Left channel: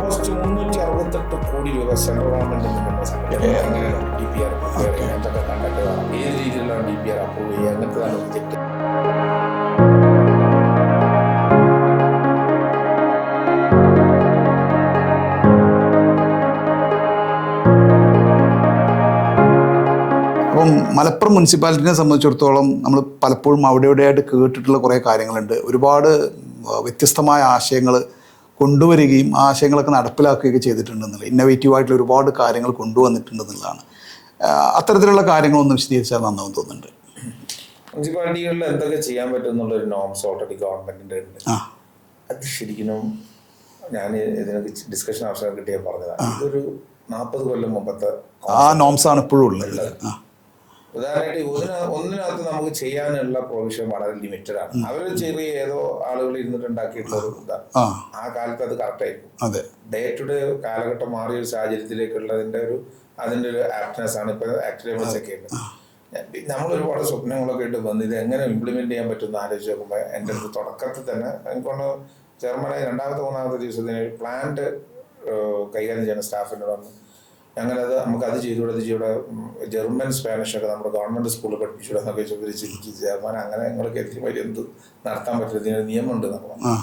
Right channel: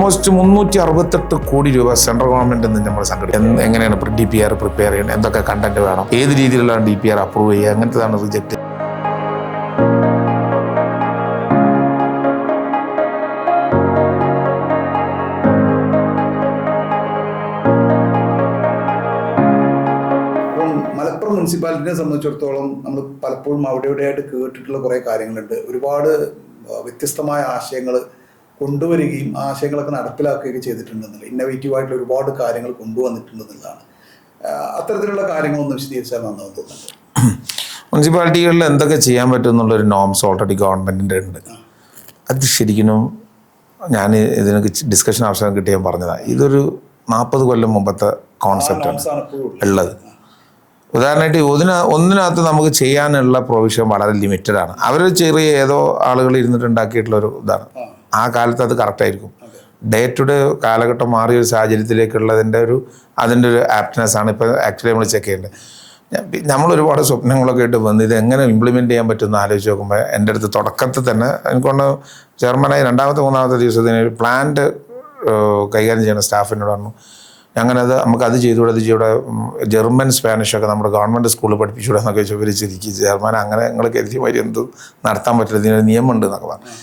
Almost 368 കോടി രൂപ central government നമ്മൾ സംഘടിപ്പിക്കുന്നത്. എങ്ങനെയാണ് DPR പ്രിപ്പയർ ചെയ്യണം, എന്തൊക്കെ കണ്ടന്റ് വേണം, ഏത് രീതിയിലുള്ള DPR അപ്രൂവ് ചെയ്യുക, അങ്ങനത്തതാണ് റിജക്ട്. മലപ്പുറം മുനിസിപ്പാലിറ്റിനെ സംബന്ധിച്ചിടത്തോളം നമ്മൾ പലപ്പോഴും അവിടെയായിട്ട് കേട്ടിട്ടുള്ള കുറേ കാര്യങ്ങളുണ്ട്. ഒരുപാട് വ്യത്യസ്തമായ ആശയങ്ങൾ കൊണ്ടുവരികയും ആ ആശയങ്ങളൊക്കെ നടപ്പിലാക്കുകയൊക്കെ ചെയ്തിട്ടുണ്ടെന്നുള്ള ഇന്നോവേറ്റീവായിട്ടുള്ള ഒരുപാട് കാര്യങ്ങൾ കൊണ്ടുവന്നിട്ടുണ്ടെന്നുള്ളതാണ്. അത്തരത്തിലുള്ള കാര്യങ്ങളൊന്നും വിശദീകരിച്ചാൽ നന്നാവും തോന്നുന്നുണ്ട്. മുനിസിപ്പാലിറ്റികളിൽ എന്തൊക്കെ ചെയ്യാൻ പറ്റും എന്നുള്ളൊരു നോംസ് ഓൾറെഡി ഗവൺമെൻറ്റിൻ്റെ ഉണ്ട്. അത് ശരിക്കും ഞാൻ ഇതിനൊക്കെ ഡിസ്കഷൻ അവസരം കിട്ടിയാൽ പറഞ്ഞതാണ്. ഇതൊരു 40 കൊല്ലം മുമ്പത്തെ നോംസാണ് ഇപ്പോഴും ഉള്ളത്. ഉദാഹരണമായിട്ട് ഒന്നിനകത്ത് നമുക്ക് ചെയ്യാനുള്ള പ്രൊവിഷൻ വളരെ ലിമിറ്റഡ് ആണ്. അവർ ചെറിയ ഏതോ ആളുകൾ ഇരുന്നിട്ട് ഉണ്ടാക്കിയിട്ടുള്ള ഒരു ഇതാണ്. ആ കാലത്ത് അത് കറക്റ്റ് ആയിരിക്കും. ഡേ ടു ഡേ കാലഘട്ടം മാറിയ ഒരു സാഹചര്യത്തിലേക്കുള്ളതിൻ്റെ ഒരു ആപ്റ്റ്നെസ് ആണ് ഇപ്പോൾ ആക്ച്വലി നമ്മൾ ചെക്ക് ചെയ്യേണ്ടത്. നമ്മൾ ഒരുപാട് സ്വപ്നങ്ങളൊക്കെ ആയിട്ട് വന്ന് ഇത് എങ്ങനെ ഇംപ്ലിമെൻറ്റ് ചെയ്യാൻ പറ്റുമെന്ന് ആലോചിച്ച് നോക്കുമ്പോൾ എൻ്റെ അടുത്ത് തുടക്കത്തിൽ തന്നെ എനിക്കൊണ്ട് ചെയർമാനായി 2-3 ദിവസത്തിന് ഒരു പ്ലാന്റ് കൈകാര്യം ചെയ്യുന്ന സ്റ്റാഫിനോട് പറഞ്ഞു, അങ്ങനത് നമുക്കത് ചെയ്തുകൂടെ ജർമ്മൻ സ്പാനിഷൊക്കെ നമ്മുടെ ഗവൺമെൻറ് സ്കൂളിൽ പഠിപ്പിച്ചുകൂടെ എന്നൊക്കെ വിവരിച്ചിരിക്കും. ചെയർമാൻ അങ്ങനെ നിങ്ങൾ കരുതിയ മാതിരി എന്ത് നടത്താൻ പറ്റില്ല, ഇതിനൊരു നിയമമുണ്ട് എന്നൊക്കെ പറഞ്ഞു.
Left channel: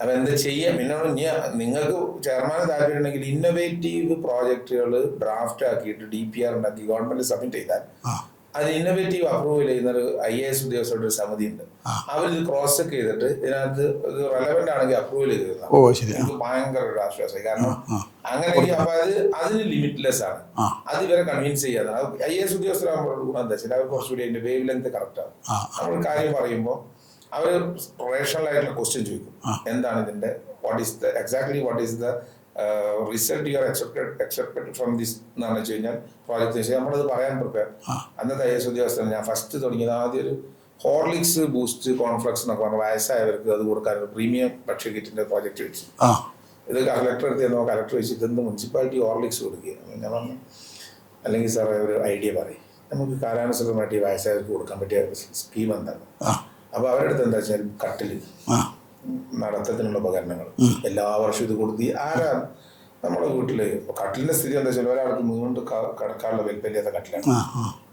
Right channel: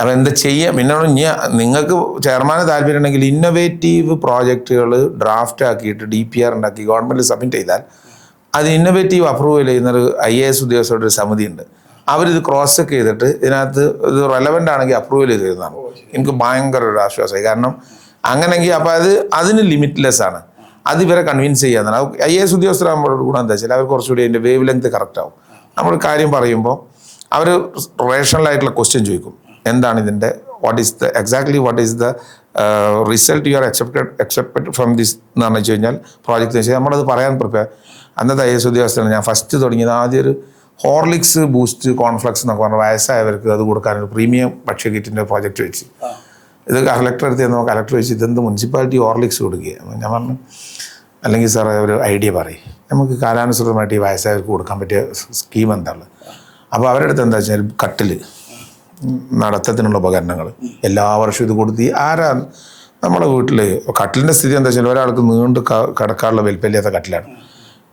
അപ്പോൾ എന്താ ചെയ്യാം? പിന്നെ നിങ്ങൾക്ക് ചെയർമാന് താല്പര്യം ഉണ്ടെങ്കിൽ ഇന്നോവേറ്റീവ് പ്രോജക്റ്റുകൾ ഡ്രാഫ്റ്റ് ആക്കിയിട്ട് DPR ഉണ്ടാക്കി ഗവൺമെൻറ് സബ്മിറ്റ് ചെയ്താൽ അത് ഇന്നോവേറ്റീവ് അപ്രൂവൽ ചെയ്യുന്നൊരു IAS ഉദ്യോഗസ്ഥരുടെ ഒരു സമിതി ഉണ്ട്. അവരിത് ക്രോസ് ചെക്ക് ചെയ്തിട്ട് ഇതിനകത്ത് ഇത് റെലവൻ്റ് ആണെങ്കിൽ അപ്രൂവൽ ചെയ്ത് തരുന്നതാണ്. എനിക്ക് ഭയങ്കര ഒരു ആശ്വാസമായി. കാരണം അങ്ങനെയെങ്കിൽ അപ്പം അതിന് ലിമിറ്റ്ലെസ് ആണ്. അത് ഇവരെ കൺവിൻസ് ചെയ്യാന്നാണ്. IAS ഉദ്യോഗസ്ഥരാകുമ്പോൾ ഗുണം എന്താ വെച്ചാൽ അവർ കുറച്ചുകൂടി അതിൻ്റെ വേവ് ലെങ്ത് കറക്റ്റ് ആവും. നമ്മൾ കാര്യം പറയുമ്പോൾ അവർ റേഷണൽ ആയിട്ടുള്ള ക്വസ്റ്റ്യൻ ചോദിക്കും. എന്താണ് ഇതിൻ്റെ what is the result you are accepted from this എന്ന് പറഞ്ഞു കഴിഞ്ഞാൽ പ്രോജക്റ്റ് വെച്ചാൽ നമ്മളത് പറയാൻ പ്രിപ്പയർ. അന്നത്തെ IAS ഉദ്യോഗസ്ഥരാണ് ഞാൻ ഫസ്റ്റ് തുടങ്ങിയത്. ആദ്യം ഒരു ഹോർലിക്സ് ബൂസ്റ്റ് കോൺഫ്ലെക്സ് എന്നൊക്കെ പറഞ്ഞാൽ വയസ്സായവർക്ക് അത് കൊടുക്കാനൊരു പ്രീമിയം ഭക്ഷ്യക്കിറ്റിൻ്റെ പ്രോജക്റ്റ് വെച്ച് ഇത് കലക്ടർ എടുത്ത് നമ്മൾ കലക്ടർ വെച്ച് ഇതെന്ത് മുനിസിപ്പാലിറ്റി ഹോർലിക്സ് കൊടുക്കുക. ഞാൻ പറഞ്ഞു, അല്ലെങ്കിൽ സാർ ഒരു ഐഡിയ പറയും, നമുക്ക് കാലാനുസൃതമായിട്ട് ഈ വയസ്സായവർക്ക് കൊടുക്കാൻ പറ്റിയ സ്കീം എന്താണ്? അപ്പോൾ അവരുടെ അടുത്ത് എന്താ വെച്ചാൽ കട്ടിൽ, നടത്തത്തിനുള്ള ഉപകരണങ്ങൾ എല്ലാ വർഷവും ഇത് കൊടുത്ത് ആരാ നമ്മുടെ വീട്ടിൽ കട്ടിലിൻ്റെ സ്ഥിതി എന്താ വെച്ചാൽ ഒരാൾക്ക് നീണ്ട് കിടക്കാനുള്ള വലിപ്പമില്ലാത്ത കട്ടിലാണ്.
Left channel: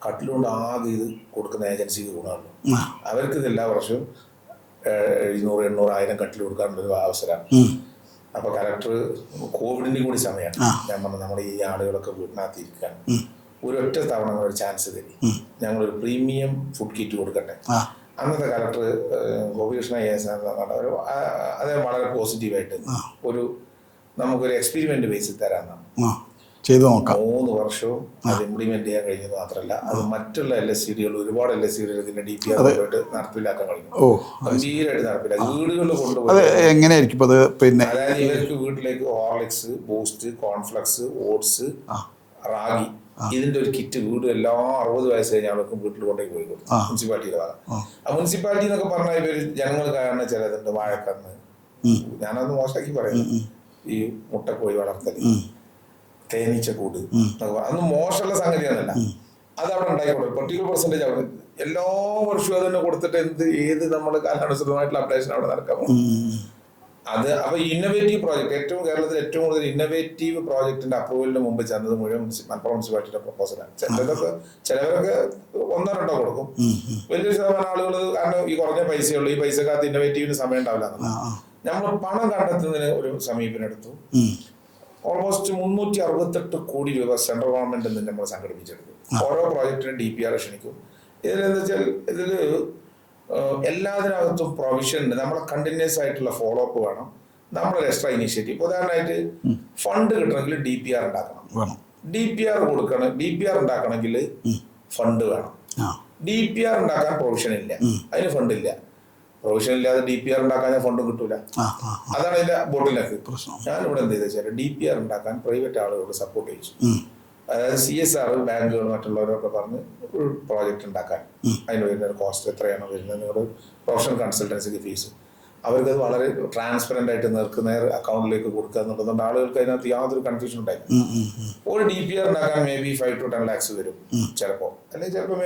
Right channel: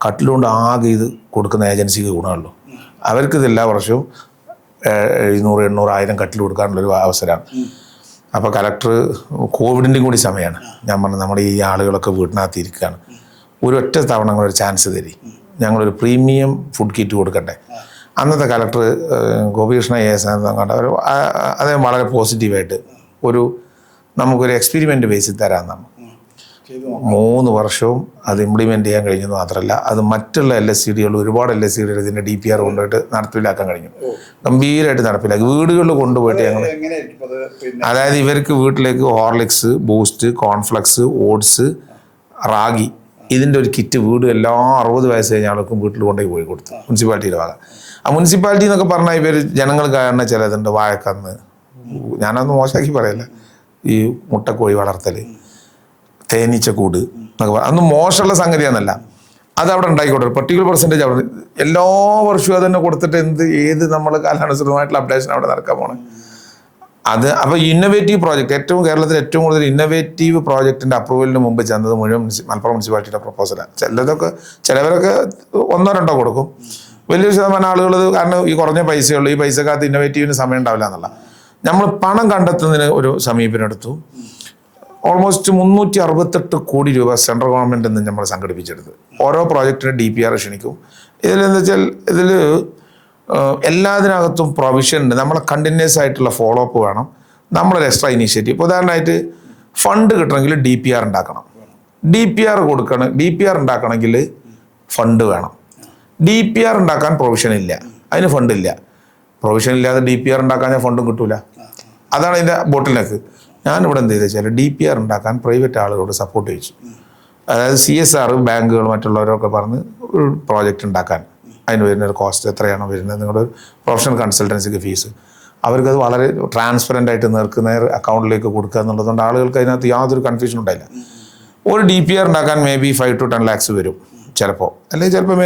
കട്ടിലുകൊണ്ട് ആകെ ഇത് കൊടുക്കുന്ന ഏജൻസിക്ക് ഗുണമുള്ളൂ. അവർക്ക് ഇത് എല്ലാ വർഷവും 700, 800, 1000 കട്ടിൽ കൊടുക്കാനുള്ളൊരു അവസരമാണ്. അപ്പോൾ കലക്ടർ കോവിഡിൻ്റെയും കൂടി സമയമാണ്. ഞാൻ പറഞ്ഞു, നമ്മുടെ ഈ ആളുകളൊക്കെ വീട്ടിനകത്ത് ഇരിക്കുകയാണ്, ഒരൊറ്റ തവണ ഒരു ചാൻസ് തരി, ഞങ്ങളൊരു പ്രീമിയം ഫുഡ് കിറ്റ് കൊടുക്കട്ടെ. അന്നത്തെ കലക്ടർ ഗോപികൃഷ്ണ AS കണ്ട അദ്ദേഹം വളരെ പോസിറ്റീവായിട്ട് നമുക്കൊരു എക്സ്പെരിമെൻ്റ് ബേസിൽ തരാമെന്നാണ് ചെയ്തു നോക്കാം. 3 വർഷവും അത് ഇംപ്ലിമെൻ്റ് ചെയ്യാൻ കഴിഞ്ഞെന്ന് മാത്രമല്ല, അത് മറ്റുള്ള LSCDകൾ ഒരുപാട് LSCDകൾ ഇതിൻ്റെ DPR കൊണ്ടുപോയിട്ട് നടപ്പിലാക്കാൻ കഴിഞ്ഞു. ഗംഭീരമായിട്ട് നടപ്പിലാക്കി വീടുകളിൽ കൊണ്ടുപോയിട്ട്. എങ്ങനെയായിരിക്കും അത്? പിന്നെ അതായത് ഇവർക്ക് വീട്ടിലേക്ക് Horlicks, boost, cornflakes, oats, ragi ഇതിൻ്റെ ഒരു കിറ്റ് വീട് എല്ലാ 60 വയസ്സ് കഴിഞ്ഞ ആൾക്കും വീട്ടിൽ കൊണ്ടുപോയി കൊടുത്തു മുനിസിപ്പാലിറ്റിയുടെ ഭാഗം. ആ മുനിസിപ്പാലിറ്റി എന്നൊക്കെ പറഞ്ഞാൽ ഇവർ ജനങ്ങൾ കാണുന്ന ചിലതുണ്ട്, വാഴക്കന്ന്, ഞാനൊന്നും മോശമാക്കി പറയില്ല, ഈ മുട്ടക്കോഴി വളർത്തൽ, തേനീച്ചക്കൂട് എന്നൊക്കെ പറയാം, അതൊന്നും മോശമുള്ള സംഗതിയാണെന്നല്ല. അത് അവിടെ ഉണ്ടായിക്കോട്ടെ, ഒരു പെർട്ടിക്കുലർ പെർസെൻറ്റേജ് അവിടെ എല്ലാ വർഷവും അത് തന്നെ കൊടുത്തിട്ട് ഏത് നമ്മൾ കാലാനുസൃതമായിട്ടുള്ള അപ്ഡേഷൻ അവിടെ നടക്കാൻ പോകണം. അത് അപ്പോൾ ഇന്നോവേറ്റീവ് പ്രോജക്റ്റ് കേരളത്തിൽ ഏറ്റവും കൂടുതൽ ഇന്നോവേറ്റീവ് പ്രോജക്റ്റിൻ്റെ അപ്രൂവലിന് മുമ്പ് ചെന്നത് മുഴുവൻ മലപ്പുറം മുനിസിപ്പാലിറ്റിയുടെ പ്രപ്പോസലാണ്. ചിലവരൊക്കെ 1-2 കൊടുക്കും, വലിയൊരു ശതമാനം ആളുകൾ. കാരണം ഈ കുറഞ്ഞ പൈസയുള്ളൂ, ഈ പൈസക്കകത്ത് ഇന്നോവേറ്റീവിന് സമയം ഉണ്ടാവില്ല എന്നുള്ള നമ്മൾ പണം കണ്ടെത്തുന്നതിന് ഒരു സമീപനം എടുത്തു. ഓൾമോസ്റ്റ് 368 കോടി രൂപ സെൻട്രൽ ഗവൺമെൻറ് നമ്മൾ സംഘടിപ്പിച്ചെടുത്ത് ഓരോ പ്രോജക്റ്റിനും DPR ക്ഷണിക്കും. ഇതിലെന്താ വെച്ചാൽ ഇതിൽ എല്ലാത്തിനകത്തും പ്രൊവിഷൻ ഉണ്ട്. നമ്മളെ കണ്ടിന്യൂസ് ആയിട്ടുള്ള ഫോളോ അപ്പ് വേണം, നമ്മളൊരു എക്സ്ട്രാ ഇനീഷ്യേറ്റീവ്. ഇപ്പോൾ ഉദാഹരണമായിട്ട് ഫണ്ട് കിട്ടണമെങ്കിൽ DPR ഉണ്ടാക്കണം, DPR ഉണ്ടാക്കണമെങ്കിൽ ഫണ്ട് വേണം. DPR ഉണ്ടാക്കാൻ പ്രൊവിഷൻ ഇല്ല, അതിന് ഫണ്ടില്ല. പ്രൊവിഷൻ ഇല്ലാതെ DPR ഉണ്ടാക്കാൻ ഞാൻ ഫണ്ടും കിട്ടൂല. അതാണ് അതിൻ്റെ ബോട്ടിലേക്ക്. ഞാനിവിടെ എന്ത് ചെയ്തെന്ന് വെച്ചാൽ DPR ഉണ്ടാക്കാൻ പ്രൈവറ്റ് ആളുകളോട് സപ്പോർട്ട് ചെയ്യിച്ചു. അതായത് CSR ബാങ്കുകൾ മറ്റുള്ളവരൊക്കെ പറഞ്ഞ് ഒരു പ്രോജക്റ്റ് ഉണ്ടാക്കാൻ അതിന് വരുന്നൊരു കോസ്റ്റ് എത്രയാണോ വരുന്നത്, നിങ്ങളുടെ പ്രൊഫഷണൽ കൺസൾട്ടൻസിക്ക് ഫീസ്, അവർക്കത് വളരെ ട്രാൻസ്പെറൻ്റ് ആയിട്ട് നേർ അക്കൗണ്ടിലേക്ക് കൊടുക്കുക എന്നുള്ളതുകൊണ്ട് ആളുകൾക്ക് അതിനകത്ത് യാതൊരു കൺഫ്യൂഷൻ ഉണ്ടായില്ല. ഒരു DPR ഉണ്ടാക്കാൻ maybe 5 to 10 lakhs വരും ചിലപ്പോൾ, അല്ലെങ്കിൽ ചിലപ്പോൾ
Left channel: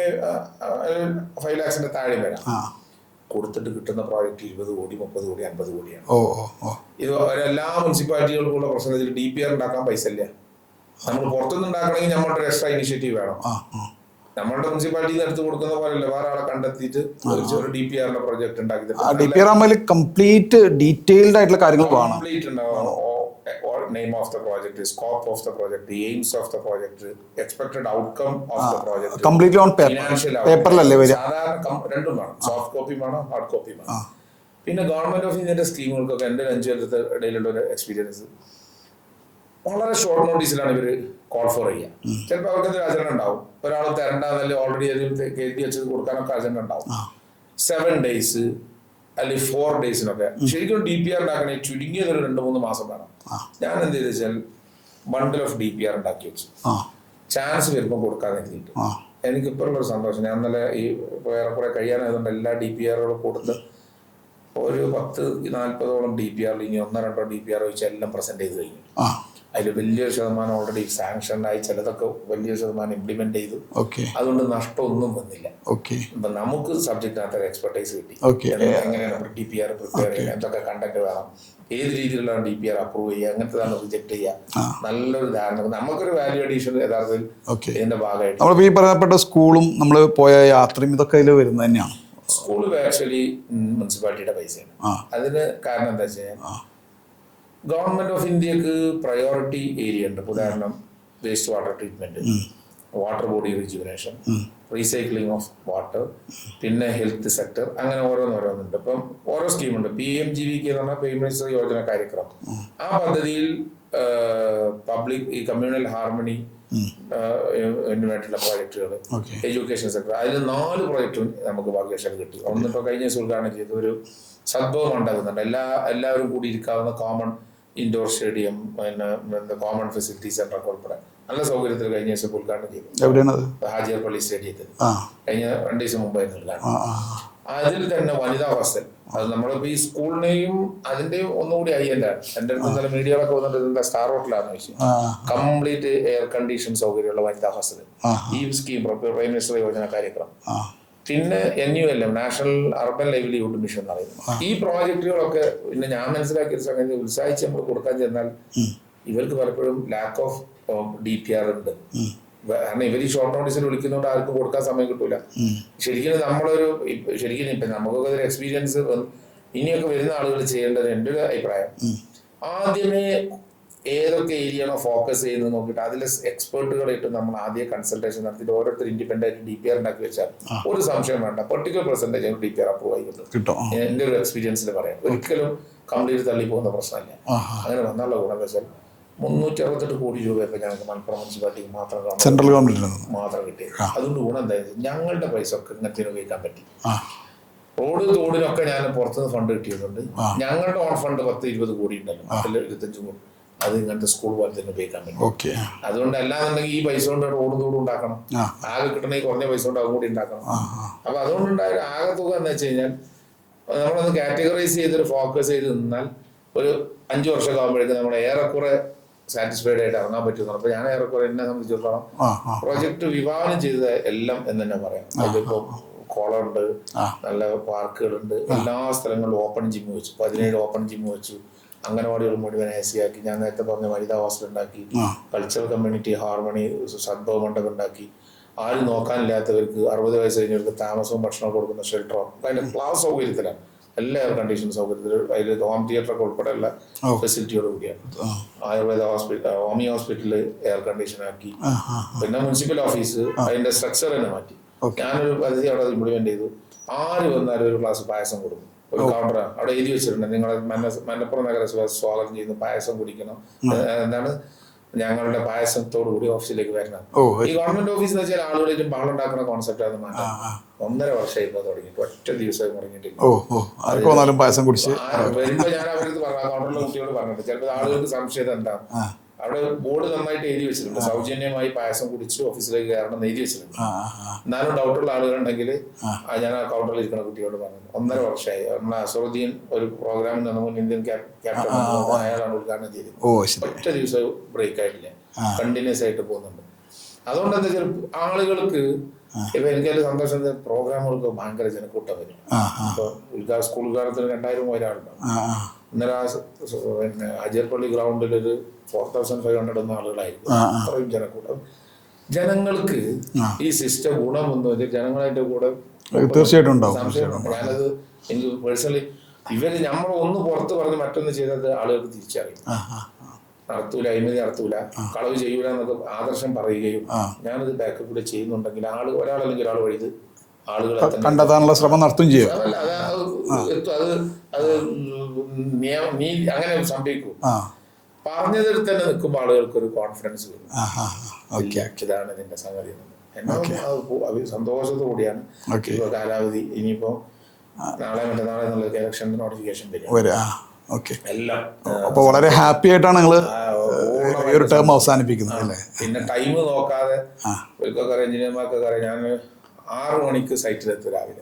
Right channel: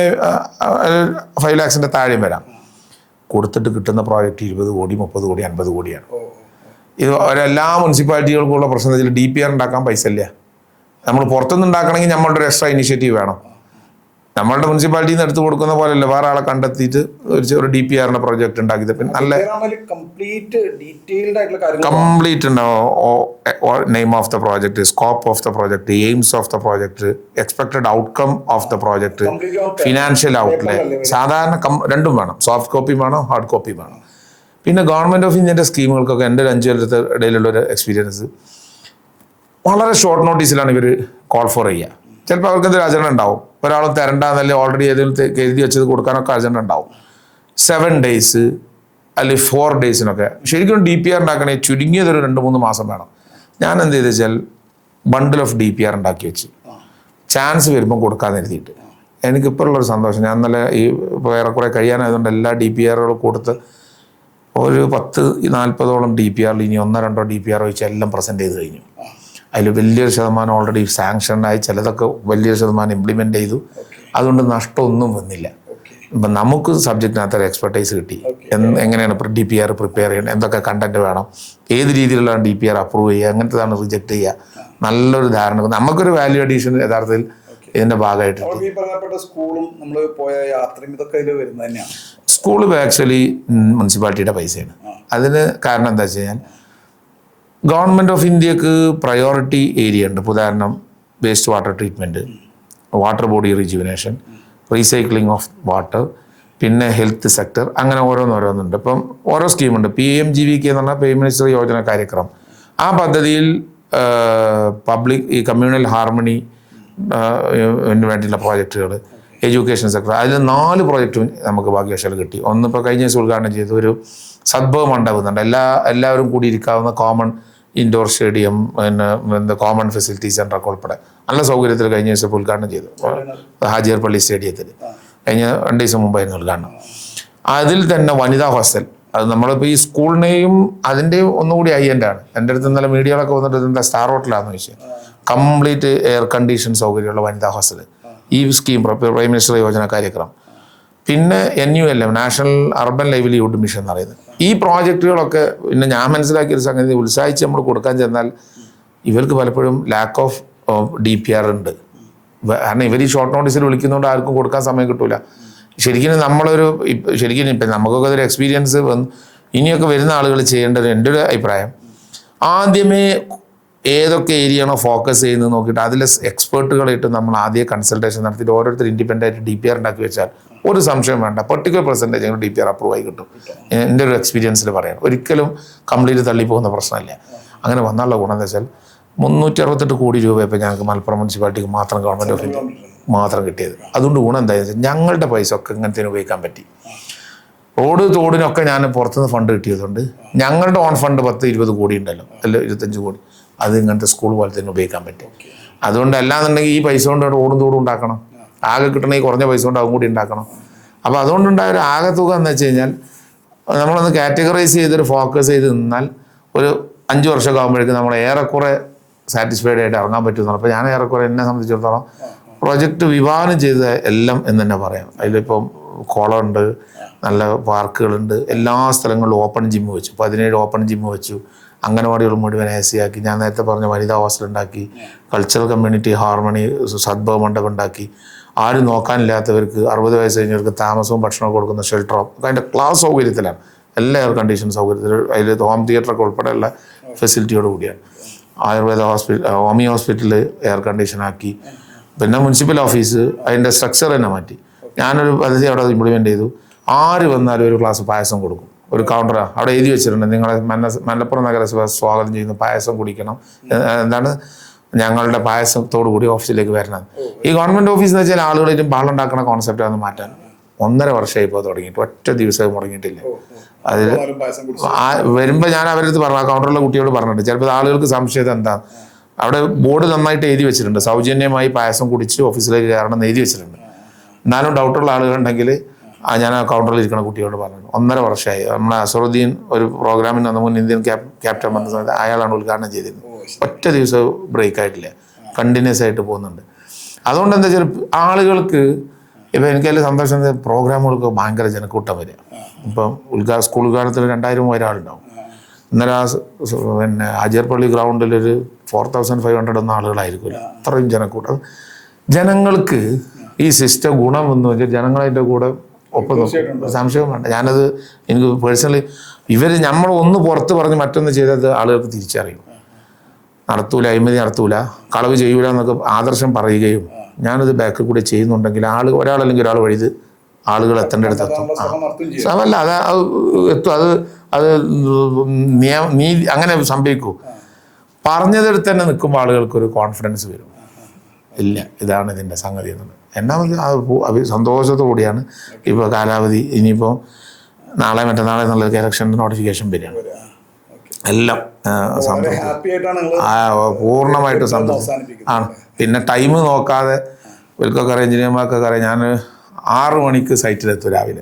5 lakhs താഴെയും വരാം. കൊടുത്തിട്ട് കിട്ടുന്ന പ്രോജക്റ്റ് 20 കോടി 30 കോടി 50 കോടിയാണ്. ഓ ഓ ഓ ഇത് എല്ലാ മുനിസിപ്പാലിറ്റികൾക്കുള്ള പ്രശ്നം വെച്ചാൽ DPR ഉണ്ടാക്കാൻ പൈസ ഇല്ല. നമ്മൾ പുറത്തുനിന്ന് ഉണ്ടാക്കണമെങ്കിൽ നമ്മളുടെ ഒരു എക്സ്ട്രാ ഇനിഷ്യേറ്റീവ് വേണം. നമ്മളുടെ മുനിസിപ്പാലിറ്റിയിൽ നിന്ന് എടുത്ത് കൊടുക്കുന്ന പോലെയല്ല, വേറെ ആളെ കണ്ടെത്തിയിട്ട് ഒരു DPRന്റെ പ്രോജക്റ്റ് ഉണ്ടാക്കി കംപ്ലീറ്റ് ഡീറ്റെയിൽഡ് ആയിട്ടുള്ള കാര്യങ്ങൾ കംപ്ലീറ്റ് ഉണ്ടാവും. Name of the project, scope of the project, aims of the project, expected outcome of the project, financial outcome. സാധാരണ രണ്ടും വേണം, സോഫ്റ്റ് കോപ്പിയും വേണം, ഹാർഡ് കോപ്പിയും വേണം. പിന്നെ ഗവൺമെന്റ് ഓഫ് ഇന്ത്യന്റെ സ്കീമുകൾക്കൊക്കെ എൻ്റെ ഒരു 5 കൊല്ലത്തെ ഇടയിലുള്ള ഒരു എക്സ്പീരിയൻസ്, വളരെ ഷോർട്ട് നോട്ടീസിലാണ് ഇവർ കോൾ ഫോർ ചെയ്യുക. ചിലപ്പോൾ അവർക്ക് എന്തൊരു അജണ്ട ഉണ്ടാവും, ഒരാളും തരണ്ടെന്നല്ലേ ഓൾറെഡി ഏതെങ്കിലും എഴുതി വെച്ചത് കൊടുക്കാനൊക്കെ അജണ്ട ഉണ്ടാവും. 7 days അല്ലെങ്കിൽ 4 daysനൊക്കെ. ശരിക്കും DPR ഉണ്ടാക്കണേ ചുരുങ്ങിയതൊരു 2-3 മാസം വേണം. ഞാൻ എന്ത് ചെയ്ത് വെച്ചാൽ ബണ്ടിൽ ഓഫ് DPR ഉണ്ടാക്കി വെച്ച് ചാൻസ് വരുമ്പോൾ കൊടുക്കാതെ എഴുതിയിട്ട്. എനിക്കിപ്പോൾ ഉള്ളൊരു സന്തോഷം, ഞാൻ നല്ല ഈ ഏറെക്കുറെ കഴിയാനായതുകൊണ്ട് എല്ലാ DPRകളും കൊടുത്ത് ഒരു 10-40ഓളം DPR ഇനി 1-2 DPR വെച്ച് എല്ലാം പ്രസന്റ് ചെയ്ത് കഴിഞ്ഞു. അതിൽ വലിയൊരു ശതമാനം ഓൾറെഡി സാങ്ഷനായി, ചിലതൊക്കെ വലിയൊരു ശതമാനം ഇംപ്ലിമെന്റ് ചെയ്തു. അതുകൊണ്ട് നഷ്ടമൊന്നും വന്നില്ല. ഇപ്പം നമുക്ക് സബ്ജക്റ്റിനകത്ത് ഒരു എക്സ്പെർട്ടൈസ് കിട്ടി. എങ്ങനെയാണ് DPR പ്രിപ്പയർ ചെയ്യുന്നത്, എന്തൊക്കെ കണ്ടന്റ് വേണം, ഏത് രീതിയിലുള്ള DPR അപ്രൂവ് ചെയ്യുക, അങ്ങനത്തെതാണ് റിജക്ട് ചെയ്യുക, നല്ലൊരു ധാരണ. നമുക്കൊരു വാല്യൂ അഡീഷൻ യഥാർത്ഥത്തിൽ ഇതിന്റെ ഭാഗമായിട്ട്. ഈ പറയപ്പെട്ട സ്കൂളും നമ്മൾ പോയ യാത്രയും ഇതൊക്കെ ഇതിൽ വരുന്നത് തന്നെയാണ്. സ്കൂള് ആക്ച്വലി മുനിസിപ്പാലിറ്റിയുടെ പൈസയാണ്. അതിന് കാരണം എന്താ വെച്ച് കഴിഞ്ഞാൽ ഗവൺമെന്റ് ഓഫ് ഇന്ത്യക്ക് പ്രയോറിറ്റി ഏരിയ ഉണ്ട്. ഉദാഹരണം waste water treatment, water body rejuvenation, recycling of water, പിന്നെ ഹെൽത്ത് സെക്ടർ, അങ്ങനെ ഓരോന്നുണ്ട്. ഇപ്പം ഓരോ സ്കീമുണ്ട്. PMGVK എന്ന് പറഞ്ഞാൽ പ്രൈം മിനിസ്റ്റർ യോജന കാര്യക്രമം. ആ പദ്ധതിയിൽ പബ്ലിക് ഈ കമ്മ്യൂണൽ ഹാർമണി വേണ്ടിയുള്ള പ്രോജക്റ്റുകൾ, എഡ്യൂക്കേഷൻ സെക്ടർ, അതിൽ 4 പ്രോജക്റ്റും നമുക്ക് ഭാഗ്യവശാൽ കിട്ടി. ഒന്നിപ്പോൾ കഴിഞ്ഞ ദിവസം ഉദ്ഘാടനം ചെയ്ത ഒരു സദ്ഭവം മണ്ഡപം, എല്ലാവരും കൂടി ഇരിക്കാവുന്ന കോമൺ ഇൻഡോർ സ്റ്റേഡിയം, പിന്നെ കോമൺ ഫെസിലിറ്റി സെൻ്ററൊക്കെ ഉൾപ്പെടെ നല്ല സൗകര്യത്തിൽ കഴിഞ്ഞ ദിവസം ഉദ്ഘാടനം ചെയ്തു. ഹാജിയർ പള്ളി സ്റ്റേഡിയത്തിൽ കഴിഞ്ഞ 2 ദിവസം മുമ്പായിരുന്നു ഉദ്ഘാടനം. അതിൽ തന്നെ വനിതാ ഹോസ്റ്റൽ, അത് നമ്മളിപ്പോൾ ഈ സ്കൂളിനെയും അതിൻ്റെയും ഒന്നുകൂടി ഹൈ-എൻഡാണ്. എൻ്റെ അടുത്ത് ഇന്നലെ മീഡിയകളൊക്കെ വന്നിട്ട് എന്താ സ്റ്റാർ ഹോട്ടലാണെന്ന് ചോദിച്ചു. കംപ്ലീറ്റ് എയർ കണ്ടീഷൻ സൗകര്യമുള്ള വനിതാ ഹോസ്റ്റൽ ഈ സ്കീം പ്രൈം മിനിസ്റ്റർ യോജന കാര്യക്രമം. പിന്നെ NULM, national urban livelihood mission എന്ന് പറയുന്നത്. ഈ പ്രോജക്റ്റുകളൊക്കെ പിന്നെ ഞാൻ മനസ്സിലാക്കിയൊരു സംഗതി, ഉത്സാഹിച്ച് നമ്മൾ കൊടുക്കാൻ ചെന്നാൽ ഇവർക്ക് പലപ്പോഴും ലാക്ക് ഓഫ് DPR ഉണ്ട്. കാരണം ഇവർ ഈ ഷോർട്ട് നോട്ടീസിൽ വിളിക്കുന്നതുകൊണ്ട് ആർക്കും കൊടുക്കാൻ സമയം കിട്ടൂല. ശരിക്കും ശരിക്കും ഇപ്പം നമുക്കൊക്കെ ഒരു എക്സ്പീരിയൻസ് ഇനിയൊക്കെ വരുന്ന ആളുകൾ ചെയ്യേണ്ടത്, എൻ്റെ ഒരു അഭിപ്രായം, ആദ്യമേ ഏതൊക്കെ ഏരിയയാണോ ഫോക്കസ് ചെയ്യുന്നത് നോക്കിയിട്ട് അതിൽ എക്സ്പേർട്ടുകളായിട്ട് നമ്മൾ ആദ്യം കൺസൾട്ടേഷൻ നടത്തിയിട്ട് ഓരോരുത്തർ ഇൻഡിപെൻഡൻ്റ് ആയിട്ട് DPR ഉണ്ടാക്കി വെച്ചാൽ ഒരു സംശയം വേണ്ട, പെർട്ടിക്കുലർ പെർസെൻറ്റേജ് DPR അപ്രൂവ് ആയി കിട്ടും. എൻ്റെ ഒരു എക്സ്പീരിയൻസിൽ പറയാം, ഒരിക്കലും കംപ്ലീറ്റ് തള്ളിപ്പോകുന്ന പ്രശ്നമല്ല. അങ്ങനെ വന്നുള്ള ഗുണം എന്താ വെച്ചാൽ 368 കോടി രൂപ ഇപ്പം ഞങ്ങൾക്ക് മലപ്പുറം മുനിസിപ്പാലിറ്റിക്ക് മാത്രം ഗവൺമെൻറ് മാത്രം കിട്ടിയത്. അതുകൊണ്ട് ഗുണം എന്താണെന്ന് വെച്ചാൽ ഞങ്ങളുടെ പൈസ ഒക്കെ ഇങ്ങനത്തേന് ഉപയോഗിക്കാൻ പറ്റി. റോഡ് തോടിനൊക്കെ ഞാൻ പുറത്തുനിന്ന് ഫണ്ട് കിട്ടിയതുകൊണ്ട് ഞങ്ങളുടെ ഓൺ ഫണ്ട് 10-20 കോടി ഉണ്ടല്ലോ, അല്ല 25 കോടി, അത് ഇങ്ങനത്തെ സ്കൂൾ പോലെ തന്നെ ഉപയോഗിക്കാൻ പറ്റും. അതുകൊണ്ട് അല്ലാന്നുണ്ടെങ്കിൽ ഈ പൈസ കൊണ്ട് റോഡും തോടും ഉണ്ടാക്കണം, ആകെ കിട്ടണമെങ്കിൽ കുറഞ്ഞ പൈസ കൊണ്ട് അതും കൂടി ഉണ്ടാക്കണം. അപ്പോൾ അതുകൊണ്ടുണ്ടായ ഒരു ആകെ തുക എന്ന് വെച്ച് കഴിഞ്ഞാൽ നമ്മളൊന്ന് കാറ്റഗറൈസ് ചെയ്തൊരു ഫോക്കസ് ചെയ്ത് നിന്നാൽ ഒരു 5 വർഷമൊക്കെ ആകുമ്പോഴേക്കും നമ്മൾ ഏറെക്കുറെ സാറ്റിസ്ഫൈഡ് ആയിട്ട് ഇറങ്ങാൻ പറ്റുന്നതാണ്. അപ്പോൾ ഞാൻ ഏറെക്കുറെ എന്നെ സംബന്ധിച്ചിടത്തോളം പ്രോജക്റ്റ് വിഭാവനം ചെയ്ത എല്ലാം എന്ന് തന്നെ പറയാം. അതിലിപ്പം കുളമുണ്ട്, നല്ല പാർക്കുകളുണ്ട്, എല്ലാ സ്ഥലങ്ങളിലും ഓപ്പൺ ജിമ്മ് വെച്ചു. 17 ഓപ്പൺ ജിമ്മ് വെച്ചു. അംഗനവാടികൾ മുഴുവൻ AC ആക്കി. ഞാൻ നേരത്തെ പറഞ്ഞ വനിതാ ഹോസ്റ്റൽ ഉണ്ടാക്കി. കൾച്ചറൽ കമ്മ്യൂണിറ്റി ഹാർമണി സദ്ഭവ മണ്ഡപം ഉണ്ടാക്കി. ആരും നോക്കാനില്ലാത്തവർക്ക് 60 വയസ്സ് കഴിഞ്ഞവർക്ക് താമസവും ഭക്ഷണവും കൊടുക്കുന്ന ഷെൽട്ടറോ അതിൻ്റെ ക്ലാസ് സൗകര്യത്തിലാണ്, എല്ലാ എയർ കണ്ടീഷൻ സൗകര്യത്തിൽ, അതിൽ ഹോം തിയേറ്ററൊക്കെ ഉൾപ്പെടെയുള്ള ഫെസിലിറ്റിയോട് കൂടിയാണ്. ആയുർവേദ ഹോമിയോ ഹോസ്പിറ്റൽ എയർ കണ്ടീഷനാക്കി. പിന്നെ മുനിസിപ്പൽ ഓഫീസ് അതിൻ്റെ സ്ട്രക്ചർ തന്നെ മാറ്റി. ഞാനൊരു പദ്ധതി അവിടെ ഇംപ്ലിമെൻ്റ് ചെയ്തു. ആര് വന്നാലും ഒരു ഗ്ലാസ് പായസം കൊടുക്കും. ഒരു കൗണ്ടറാണ് അവിടെ എഴുതി വെച്ചിട്ടുണ്ട്, നിങ്ങളെ മലപ്പുറം നഗരസഭ സ്വാഗതം ചെയ്യുന്നു, പായസം കുടിക്കണം, എന്താണ് ഞങ്ങളുടെ പായസത്തോടു കൂടി ഓഫീസിലേക്ക് വരണം. ഈ ഗവൺമെന്റ് ഓഫീസ് എന്ന് വെച്ചാൽ ആളുകളായിട്ടും പാളുണ്ടാക്കുന്ന കോൺസെപ്റ്റാണ് മാറ്റാൻ 1.5 വർഷമായി ഇപ്പോൾ തുടങ്ങിയിട്ട്, ഒറ്റ ദിവസം മുടങ്ങിയിട്ടില്ല. വരുമ്പോൾ ഞാൻ അവരടുത്ത് പറഞ്ഞു, ആ കൗണ്ടറിലെ കുട്ടിയോട് പറഞ്ഞിട്ട്, ചിലപ്പോൾ ആളുകൾക്ക് സംശയം എന്താ, അവിടെ ബോർഡ് നന്നായിട്ട് എഴുതി വെച്ചിട്ടുണ്ട്, സൗജന്യമായി പായസം കുടിച്ച് ഓഫീസിലേക്ക് കയറണം എന്ന് എഴുതി വെച്ചിട്ടുണ്ട്. എന്നാലും ഡൗട്ടുള്ള ആളുകളുണ്ടെങ്കിൽ ഞാൻ ആ കൗണ്ടറിൽ ഇരിക്കുന്ന കുട്ടിയോട് പറഞ്ഞു. 1.5 വർഷമായി. നമ്മളെ അസറുദ്ദീൻ ഒരു പ്രോഗ്രാമിന് വന്ന മുൻ ഇന്ത്യൻ ക്യാപ്റ്റൻ വന്നത് അയാളാണ് ഉദ്ഘാടനം ചെയ്തിരുന്നത്. ഒറ്റ ദിവസം ബ്രേക്ക് ആയിട്ടില്ല, കണ്ടിന്യൂസ് ആയിട്ട് പോകുന്നുണ്ട്. അതുകൊണ്ട് എന്താ വെച്ചാൽ ആളുകൾക്ക് ഇപ്പം എനിക്കതിൽ സന്തോഷം പ്രോഗ്രാമുകൾക്ക് ഭയങ്കര ജനക്കൂട്ടം വരിക. ഇപ്പം സ്കൂൾ ഉദ്ഘാടനത്തിൽ 2000 ഒരാളുണ്ടാവും. ഇന്നലെ പിന്നെ അജർപ്പള്ളി ഗ്രൗണ്ടിലൊരു 4500 ഒന്നും ആളുകളായിരിക്കും. അത്രയും ജനക്കൂട്ടം. ജനങ്ങൾക്ക് ഈ സിസ്റ്റം ഗുണമെന്ന് വെച്ചാൽ ജനങ്ങളതിൻ്റെ കൂടെ സംശയം വേണ്ട. ഞാനത് എനിക്ക് പേഴ്സണലി നമ്മൾ ഒന്ന് പുറത്ത് പറഞ്ഞ് മറ്റൊന്ന് ചെയ്തത് ആളുകൾക്ക് തിരിച്ചറിയും. നടത്തൂല, അഴിമതി നടത്തൂല, കളവ് ചെയ്യൂല എന്നൊക്കെ ആദർശം പറയുകയും ഞാനത് ബാക്കിൽ കൂടെ ചെയ്യുന്നുണ്ടെങ്കിൽ ഒരാളല്ലെങ്കിൽ ഒരാൾ വഴി ആളുകൾ ശ്രമമല്ല അത് എത്തും. അത് നീതി അങ്ങനെ സംഭവിക്കൂ. പറഞ്ഞതെടുത്ത് തന്നെ നിൽക്കുമ്പോൾ ആളുകൾക്കൊരു കോൺഫിഡൻസ് വരും. ഇല്ല, ഇതാണ് ഇതിൻ്റെ സംഗതി എന്നുള്ളത്. അത് സന്തോഷത്തോടെയാണ്. ഇപ്പോൾ കാലാവധി ഇനിയിപ്പോൾ നാളെ മറ്റന്നാളെ എന്നുള്ളത് ഇലക്ഷൻ്റെ നോട്ടിഫിക്കേഷൻ വരിക. എല്ലാം വളരെ ഹാപ്പി ആയിട്ടാണ് പൂർണ്ണമായിട്ട് അവസാനിപ്പിക്കുന്നത്. പിന്നെ ടൈം നോക്കാതെ ഇവർക്കൊക്കെ അറിയാം, എഞ്ചിനീയർമാർക്കൊക്കെ അറിയാം. ഞാൻ 6 മണിക്ക് സൈറ്റിലെത്തും രാവിലെ.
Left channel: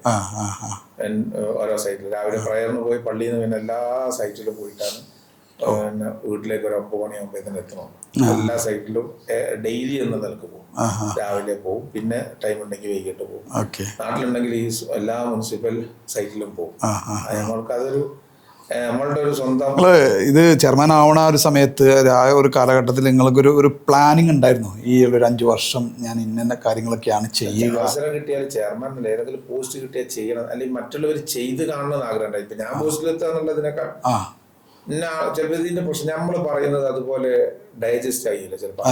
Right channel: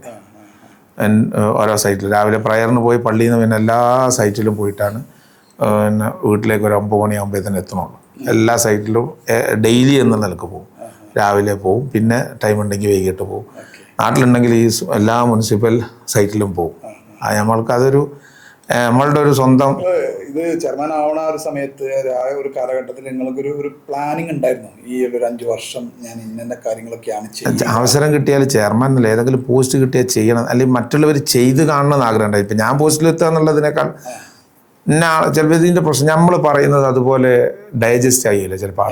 ഓരോ സൈറ്റിൽ രാവിലെ പ്രയറിന് പോയി പള്ളിയിൽ നിന്ന് പിന്നെ എല്ലാ സൈറ്റിലും പോയിട്ടാണ് പിന്നെ വീട്ടിലേക്ക് ഒരു 9 മണിയാകുമ്പോഴത്തേന് എത്തണുള്ളൂ. എല്ലാ സൈറ്റിലും ഡെയിലി എന്ന നിലക്ക് പോകും. രാവിലെ പോവും, പിന്നെ ടൈം ഉണ്ടെങ്കിൽ വൈകിട്ട് പോകും. നാട്ടിലുണ്ടെങ്കിൽ ഈ എല്ലാ മുനിസിപ്പൽ സൈറ്റിലും പോകും. നമ്മൾക്കതൊരു നമ്മളുടെ ഒരു സ്വന്തം. ഇത് ചെയർമാൻ ആവണ ഒരു സമയത്ത് ഒരു കാലഘട്ടത്തിൽ നിങ്ങൾക്കൊരു പ്ലാനിങ് ഉണ്ടായിരുന്നു, ഈ ഒരു 5 വർഷം ഞാൻ ഇന്ന കാര്യങ്ങളൊക്കെയാണ് ചെയ്യുന്നത്? അവസരം കിട്ടിയാൽ ചെയർമാൻ അല്ല ഏതെങ്കിലും പോസ്റ്റ് കിട്ടിയാൽ ചെയ്യണം, അല്ലെങ്കിൽ മറ്റുള്ളവർ ചെയ്ത് കാണണമെന്ന് ആഗ്രഹം ഉണ്ടായി. ഇപ്പം ഞാൻ പോസ്റ്റിലെത്തുക എന്നുള്ളതിനേക്കാൾ ചിലപ്പോൾ ഇതിൻ്റെ പ്രശ്നം നമ്മൾ പറയുന്നത് അതുപോലെ ഡൈജസ്റ്റ് ആയില്ല ചിലപ്പോൾ.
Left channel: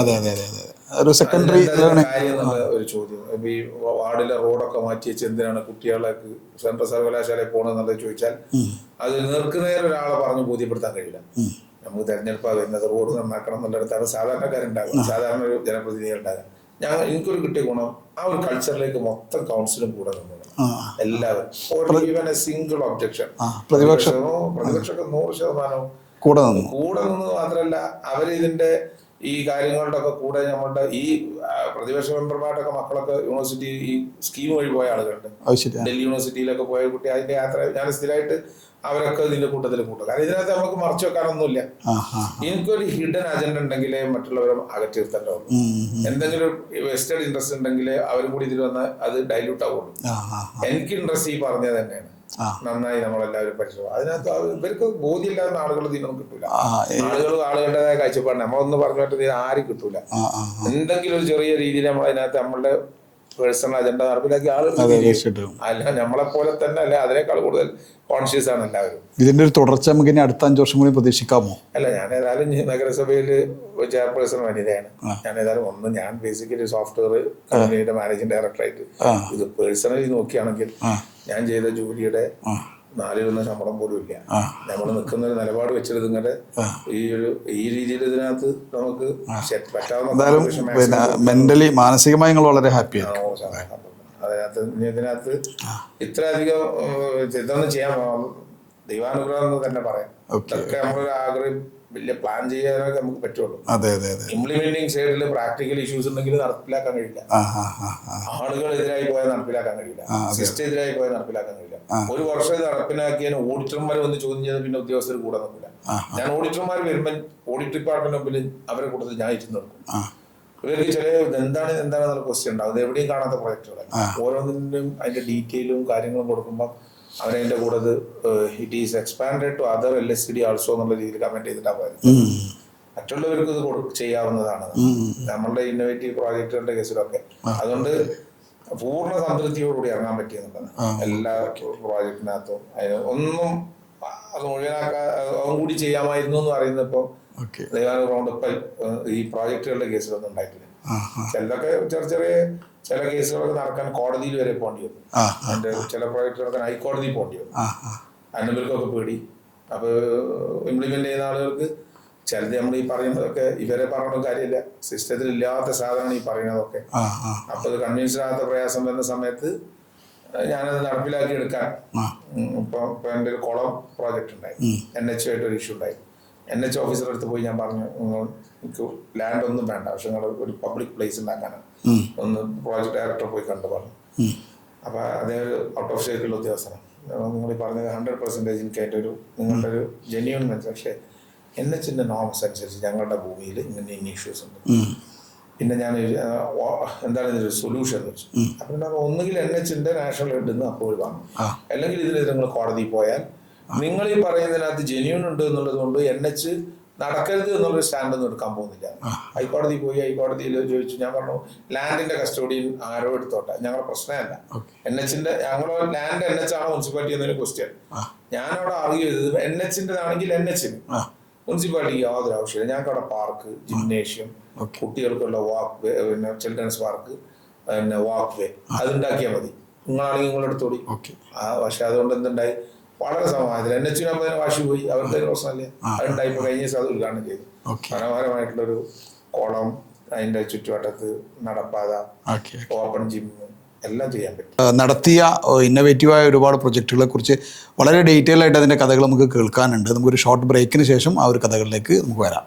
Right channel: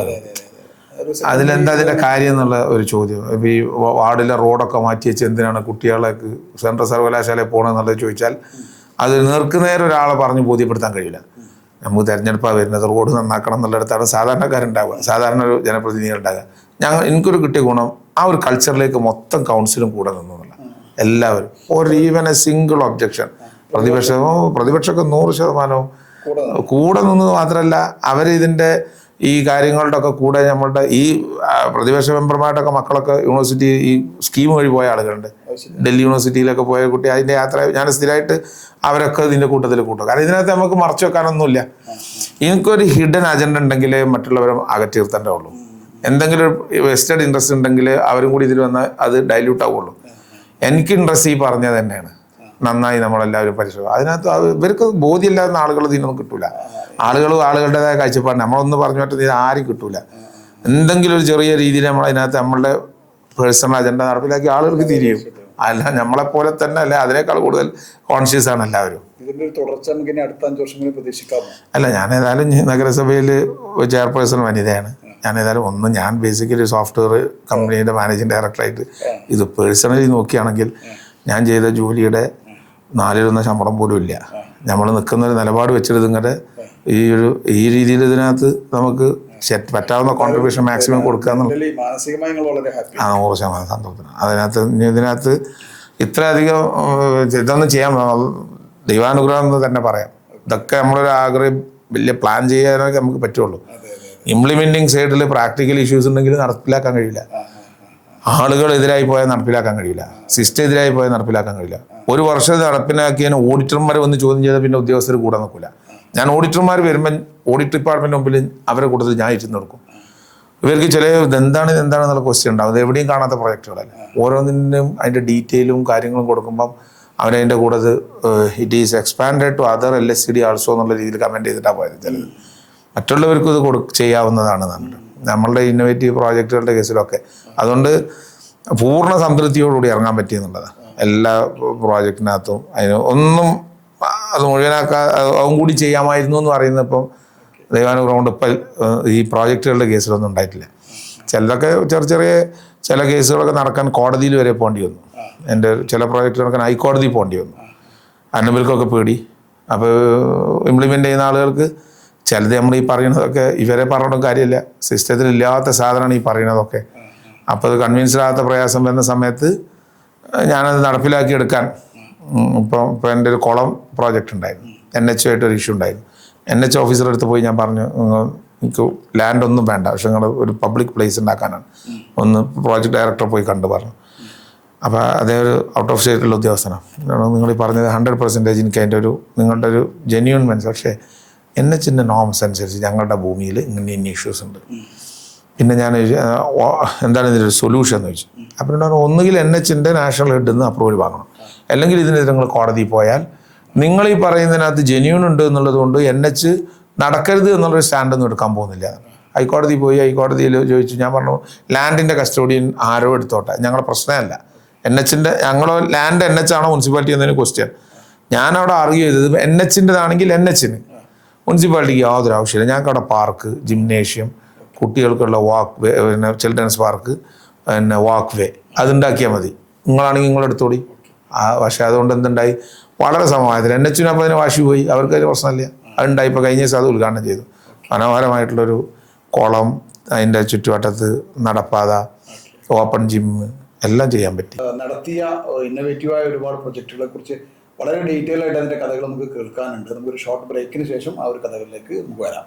അതിലെന്താ അതിൻ്റെ കാര്യം എന്നുള്ള ഒരു ചോദ്യം. ഇപ്പം ഈ വാർഡിലെ റോഡൊക്കെ മാറ്റി വെച്ച് എന്തിനാണ് കുട്ടികളേക്ക് സെൻട്രൽ സർവകലാശാലയിൽ പോകണമെന്നുള്ളത് ചോദിച്ചാൽ അത് നേർക്കുനേരെ ഒരാളെ പറഞ്ഞ് ബോധ്യപ്പെടുത്താൻ കഴിയില്ല. നമുക്ക് തിരഞ്ഞെടുപ്പാണ് വരുന്നത്, റോഡ് നന്നാക്കണം എന്നുള്ളിടത്താണ് സാധാരണക്കാരുണ്ടാവുക, സാധാരണ ഒരു ജനപ്രതിനിധികളുണ്ടാകുക. എനിക്കൊരു കിട്ടിയ ഗുണം ആ ഒരു കൾച്ചറിലേക്ക് മൊത്തം കൗൺസിലും കൂടെ നിന്നില്ല. എല്ലാവരും ഒരു ഈവൻ എ സിംഗിൾ ഒബ്ജക്ഷൻ പ്രതിപക്ഷമൊക്കെ 100% കൂടെ നിന്നത് മാത്രമല്ല അവരിതിൻ്റെ ഈ കാര്യങ്ങളുടെ ഒക്കെ കൂടെ നമ്മളുടെ ഈ പ്രതിപക്ഷ മെമ്പർമാരുടെയൊക്കെ മക്കളൊക്കെ യൂണിവേഴ്സിറ്റി ഈ സ്കീം വഴി പോയ ആളുകളുണ്ട്. ഡൽഹി യൂണിവേഴ്സിറ്റിയിലൊക്കെ പോയ കുട്ടി അതിൻ്റെ യാത്ര ഞാൻ സ്ഥിരമായിട്ട് അവരൊക്കെ ഇതിൻ്റെ കൂട്ടത്തിൽ കൂട്ടും. കാരണം ഇതിനകത്ത് നമുക്ക് മറച്ചു വെക്കാനൊന്നുമില്ല. എനിക്കൊരു ഹിഡൻ അജണ്ട ഉണ്ടെങ്കിൽ മറ്റുള്ളവരെ അകറ്റി നിർത്തേണ്ടേ ഉള്ളൂ. എന്തെങ്കിലും ഒരു വെസ്റ്റഡ് ഇൻട്രസ്റ്റ് ഉണ്ടെങ്കിൽ അവരും കൂടി ഇതിൽ വന്നാൽ അത് ഡൈല്യൂട്ട് ആവുള്ളൂ. എനിക്ക് ഇൻട്രസ്റ്റ് ഈ പറഞ്ഞത് തന്നെയാണ്. നന്നായി നമ്മളെല്ലാവരും പരിശ്രമിക്കും. അതിനകത്ത് ഇവർക്ക് ബോധ്യമില്ലാത്ത ആളുകൾ ഇതിനൊന്നും കിട്ടൂല. ആളുകളുടേതായ കാഴ്ചപ്പാട് നമ്മളൊന്ന് പറഞ്ഞു പറ്റുന്ന ഇത് ആരും കിട്ടൂല. എന്തെങ്കിലും ഒരു ചെറിയ രീതിയിൽ നമ്മളതിനകത്ത് നമ്മളുടെ പേഴ്സണൽ അജണ്ട നടപ്പിലാക്കി ആളുകൾക്ക് തിരിയും. അല്ല നമ്മളെപ്പോലെ തന്നെ അല്ല, അതിനേക്കാൾ കൂടുതൽ കോൺഷ്യസ് ആണ് എല്ലാവരും. ഇതിന്റെ ഒരു തുടർച്ച നമുക്ക് ഇനി അടുത്ത 5 വർഷം കൂടി പ്രതീക്ഷിക്കാമോ? അല്ല, ഞാൻ ഏതായാലും നഗരസഭയിൽ ചെയർപേഴ്സൺ വനിതയാണ്. ഞാൻ ഏതായാലും ഞാൻ ബേസിക്കലി സോഫ്റ്റ്വെയർ കമ്പനിയുടെ മാനേജിംഗ് ഡയറക്ടറായിട്ട് ഇത് പേഴ്സണലി നോക്കുകയാണെങ്കിൽ ഞാൻ ചെയ്ത ജോലിയുടെ 4-1 ശമ്പളം പോലും ഇല്ല. നമ്മൾ നിൽക്കുന്ന ഒരു നിലപാട് വെച്ചിട്ട് ഇങ്ങനെ ഈ രീതിയിൽ ഇതിനകത്ത് നമുക്ക് പറ്റാവുന്ന കോൺട്രിബ്യൂഷൻ മാക്സിമം കൊടുക്കാൻ മാനസികമായി വളരെ ഹാപ്പി 100% സന്തോഷമാണ്. ഇതിനകത്ത് ഇത്രയധികം ഇതൊന്നും ചെയ്യാൻ ദൈവാനുഗ്രഹം എന്ന് തന്നെ പറയാം. ഇതൊക്കെ നമ്മളൊരു ആഗ്രഹം വലിയ പ്ലാൻ ചെയ്യാനൊക്കെ നമുക്ക് പറ്റുള്ളൂ. ഇംപ്ലിമെന്റിങ് സൈഡിൽ പ്രാക്ടിക്കൽ ഇഷ്യൂസ് ഉണ്ടെങ്കിൽ നടപ്പിലാക്കാൻ കഴിയില്ല. ആളുകൾ എതിരായി പോയാൽ നടപ്പിലാക്കാൻ കഴിയില്ല. സിസ്റ്റം എതിരായി പോയാൽ നടപ്പിലാക്കാൻ കഴിയില്ല. ഒരു വർഷം നടപ്പിലാക്കിയതിന് ഓഡിറ്റർമാർ വന്ന് ചോദ്യം ചെയ്താൽ പിന്നെ ഉദ്യോഗസ്ഥർ കൂടെ നിൽക്കില്ല. ഞാൻ ഓഡിറ്റർമാർ വരുമ്പോൾ ഓഡിറ്റ് ഡിപ്പാർട്ട്മെന്റ് മുമ്പിൽ അവരെ കൂടുതൽ ഞാൻ ഇരുന്ന് കൊടുക്കും. ഇവർക്ക് ചില എന്താണെന്നുള്ള ക്വസ്റ്റ്യൻ ഉണ്ടാവും. അത് എവിടെയും കാണാത്ത പ്രൊജക്റ്റുകളല്ല. ഓരോന്നിനും അതിന്റെ ഡീറ്റെയിലും കാര്യങ്ങളും കൊടുക്കുമ്പം അവരതിൻ്റെ കൂടെ it is expanded to other LSCD also എന്നുള്ള രീതിയിൽ കമൻറ്റ് ചെയ്തിട്ടാണ് പോയത്. മറ്റുള്ളവർക്കും ഇത് ചെയ്യാവുന്നതാണ് നമ്മളുടെ ഇന്നോവേറ്റീവ് പ്രോജക്റ്റുകളുടെ കേസിലൊക്കെ. അതുകൊണ്ട് പൂർണ്ണ സംതൃപ്തിയോടുകൂടി ഇറങ്ങാൻ പറ്റിയെന്നുള്ളത് എല്ലാ പ്രോജക്റ്റിനകത്തും. അതിന് ഒന്നും അത് മുഴുവനാക്കാൻ അതും കൂടി ചെയ്യാമായിരുന്നു എന്ന് പറയുന്നപ്പം ദൈവാനുഗ്രഹം ഇപ്പം ഈ പ്രോജക്റ്റുകളുടെ കേസിലൊന്നും ഉണ്ടായിട്ടില്ല. ചിലതൊക്കെ ചെറിയ ചില കേസുകളൊക്കെ നടക്കാൻ കോടതിയിൽ വരെ പോകേണ്ടി വന്നു. എൻ്റെ ചില പ്രോജക്റ്റ് നടക്കാൻ ഹൈക്കോടതി പോകേണ്ടി വന്നു. അന്നബിൽക്കൊക്കെ പേടി. അപ്പോൾ ഇംപ്ലിമെൻ്റ് ചെയ്യുന്ന ആളുകൾക്ക് ചിലത് നമ്മൾ ഈ പറയുന്നതൊക്കെ ഇവരെ പറഞ്ഞിട്ടും കാര്യമില്ല. സിസ്റ്റത്തിൽ ഇല്ലാത്ത സാധനമാണ് ഈ പറയുന്നതൊക്കെ. അപ്പോൾ അത് കൺവിൻസ്ഡ് ആകാത്ത പ്രയാസം വരുന്ന സമയത്ത് ഞാനത് നടപ്പിലാക്കിയെടുക്കാൻ ഇപ്പം എൻ്റെ ഒരു കുളം പ്രോജക്റ്റ് ഉണ്ടായിരുന്നു. NH ആയിട്ടൊരു ഇഷ്യൂ ഉണ്ടായിരുന്നു. NH ഓഫീസറുടെ അടുത്ത് പോയി ഞാൻ പറഞ്ഞു, എനിക്ക് ലാൻഡ് ഒന്നും വേണ്ട, പക്ഷെ നിങ്ങൾ ഒരു പബ്ലിക് പ്ലേസ് ഉണ്ടാക്കാനാണ്. ഒന്ന് പ്രോജക്റ്റ് ഡയറക്ടറെ പോയി കണ്ടു പറഞ്ഞു. അപ്പോൾ അതേ ഒരു ഔട്ട് ഓഫ് സ്റ്റേറ്റുള്ള ഉദ്യോഗസ്ഥനാണ്. നിങ്ങൾ ഈ പറഞ്ഞത് 100% എനിക്ക് അതിൻ്റെ നിങ്ങളുടെ ഒരു ജെന്യൂൻ മനസ്സ്. പക്ഷേ NHൻ്റെ നോംസ് അനുസരിച്ച് ഞങ്ങളുടെ ഭൂമിയിൽ ഇങ്ങനെ ഇഷ്യൂസ് ഉണ്ട്. പിന്നെ ഞാൻ എന്താണ് ഇതിൻ്റെ സൊല്യൂഷൻ എന്ന് ചോദിച്ചു. അപ്പം എന്നോട് ഒന്നുകിൽ NHന്റെ നാഷണൽ ഹെഡിൽ നിന്ന് അപ്രൂവൽ വാങ്ങണം, അല്ലെങ്കിൽ ഇതിനെതിരെ നിങ്ങൾ കോടതിയിൽ പോയാൽ നിങ്ങൾ ഈ പറയുന്നതിനകത്ത് ജെന്യൂൺ ഉണ്ട് എന്നുള്ളത് കൊണ്ട് NH നടക്കരുത് എന്നുള്ളൊരു സ്റ്റാൻഡൊന്നും എടുക്കാൻ പോകുന്നില്ല. ഹൈക്കോടതി പോയി, ഹൈക്കോടതിയിൽ ചോദിച്ചു. ഞാൻ പറഞ്ഞു ലാൻഡിൻ്റെ കസ്റ്റോഡിയൻ ആരോ എടുത്തോട്ടെ, ഞങ്ങളുടെ പ്രശ്നമല്ല. NHന്റെ ഞങ്ങളോ ലാൻഡ് NH ആണോ മുനിസിപ്പാലിറ്റി എന്നതിന് ക്വസ്റ്റ്യൻ. ഞാനവിടെ ആർഗ്യൂ ചെയ്തത് NHൻ്റെതാണെങ്കിൽ NHന്, മുനിസിപ്പാലിറ്റിക്ക് യാതൊരു ആവശ്യമില്ല. ഞങ്ങൾക്ക് അവിടെ പാർക്ക്, ജിംനേഷ്യം, കുട്ടികൾക്കുള്ള വാക്ക് വേ, പിന്നെ ചിൽഡ്രൻസ് പാർക്ക്, പിന്നെ വാക്ക് വേ അതുണ്ടാക്കിയാൽ മതി. നിങ്ങളാണെങ്കിൽ നിങ്ങളെടുത്തോടി. പക്ഷേ അതുകൊണ്ട് എന്തുണ്ടായി, വളരെ സമവായത്തിൽ NHന് അപ്പോൾ അതിന് വാശി പോയി. അവർക്ക് അതിന് പ്രശ്നമില്ല. അതുണ്ടായി. ഇപ്പോൾ കഴിഞ്ഞ ദിവസം അത് ഉദ്ഘാടനം ചെയ്തു. മനോഹരമായിട്ടുള്ളൊരു കുളം, അതിൻ്റെ ചുറ്റുവട്ടത്ത് നടപ്പാത, ഓപ്പൺ ജിം എല്ലാം ചെയ്യാൻ പറ്റി. നടത്തിയ ഇന്നോവേറ്റീവായ ഒരുപാട് പ്രൊജക്റ്റുകളെ കുറിച്ച് വളരെ ഡീറ്റെയിൽ ആയിട്ട് അതിൻ്റെ കഥകൾ നമുക്ക് കേൾക്കാനുണ്ട്. നമുക്കൊരു ഷോർട്ട് ബ്രേക്കിന് ശേഷം ആ ഒരു കഥകളിലേക്ക് നമുക്ക് വരാം.